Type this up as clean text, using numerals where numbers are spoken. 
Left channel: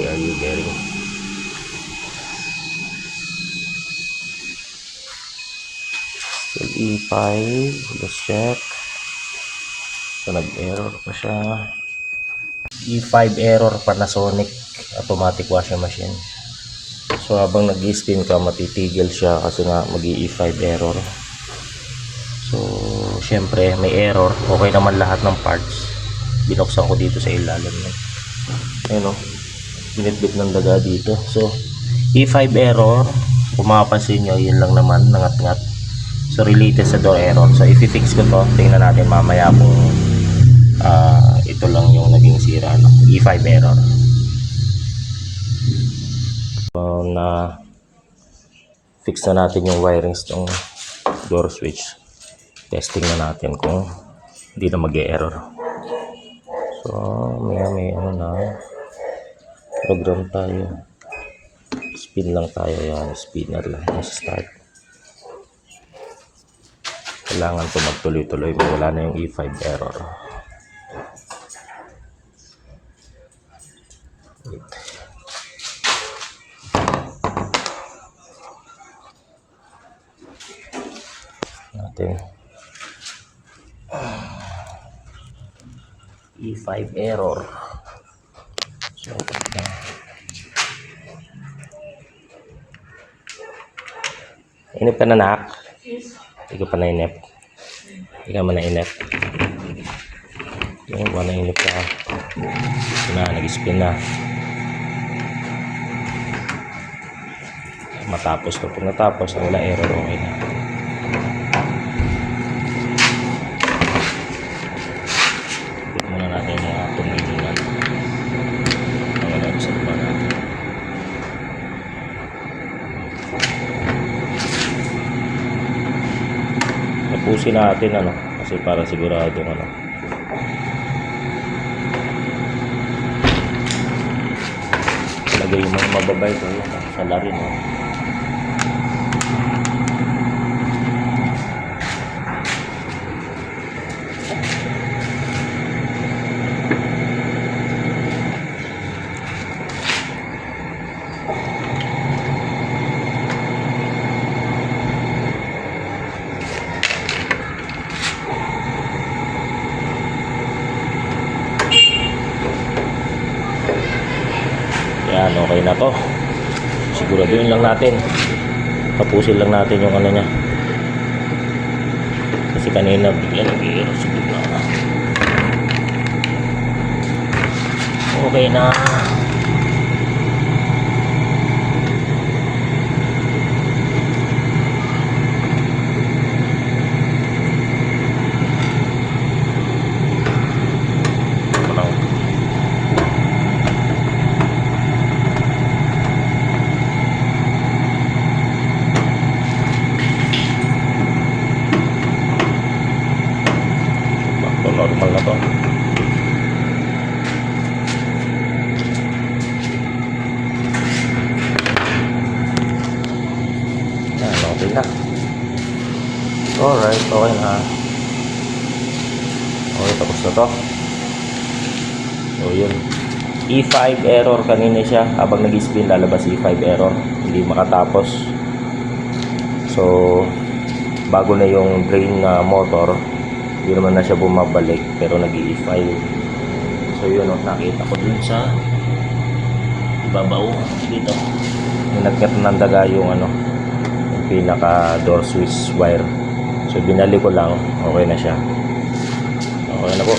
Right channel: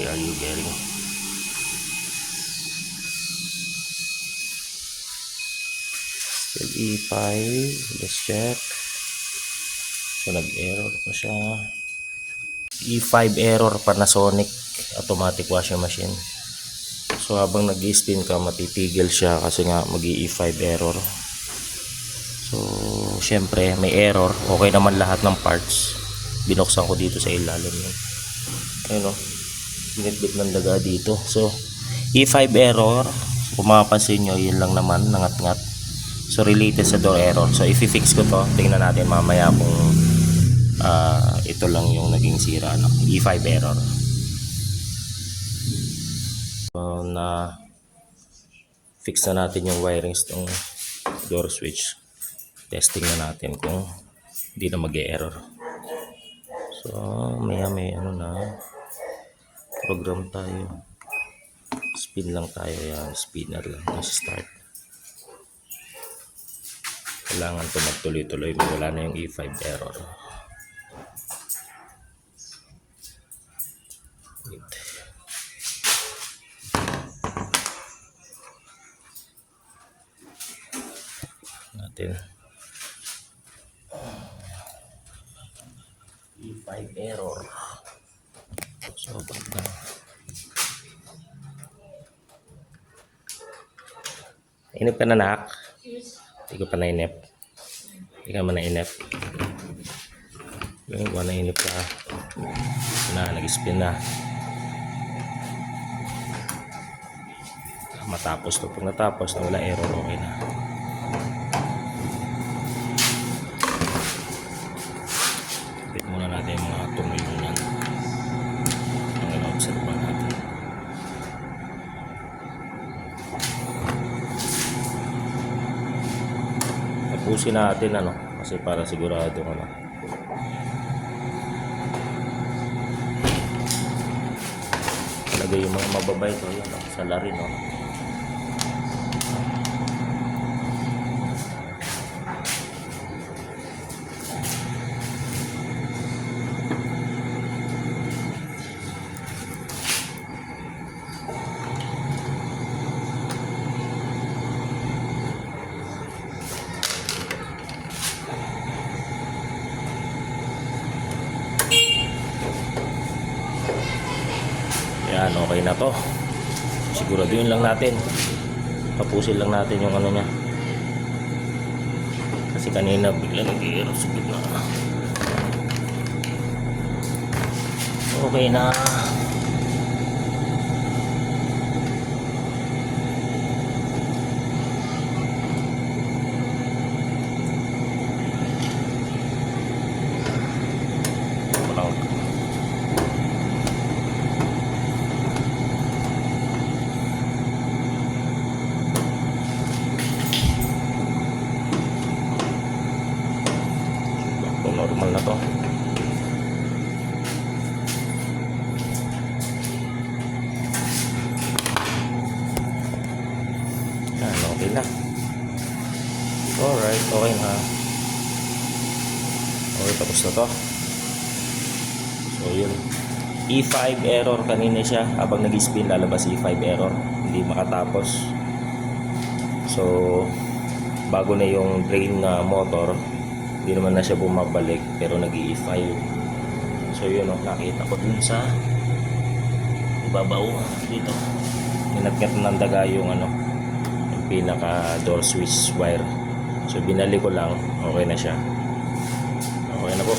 YRU bearing. Still E5. Let's check. So nag-error pa siya. E5 error, Panasonic automatic washing machine. So habang nag-spin ka, matitigil siya kasi nga mag-E5 error. So syempre may error. Okay naman lahat ng parts. Binuksan ko dito sa ilalim yan. Ayun o, binitbit ng daga dito. So E5 error, kung mapapansin nyo, yun lang naman, nangat-ngat. So related sa door error. So i-fix ko to, tingnan natin mamaya kung ito lang yung naging sira, no? E5 error. So na fix na natin yung wirings ng door switch. Testing na natin kung hindi na mag-e-error. So may ano na, program tayo. Spin lang tayo, yan, spinner lang, start. Kailangan ito magtuloy-tuloy, wala na yung E5 error. Wait. Natin E5 error. So, inip ka na, nak? Hindi ko pa na-inip. Hindi ka man na-inip. Yung ba na-inip ka? Ito na, nag-spin na. Matapos to. Pag natapos, wala error, okay na. Higit muna natin yung mga tumulinan. Pag-anong sa iba natin. Tapusin natin, ano, kasi para sigurado, ano. Lagay mo mababay ito, sa larin, no. Yan, okay na to. Siguraduhin lang natin. Tapusin lang natin yung ano niya. Kasi kanina bigla nag-i-error sa gitna. Okay na. Normal na to. Yan, okay na. Alright, okay na. Okay, tapos na to. So yun, E5 error kanina siya. Habang nag-spin, lalabas E5 error, hindi makatapos. So bago na yung drain na motor, hindi naman na siya bumabalik, pero nag-E5. So yun, nakita ko dun sa ibabaw dito, nilagyan ng daga yung ano, yung pinaka door switch wire. So binalik ko lang, okay na siya. Okay na po.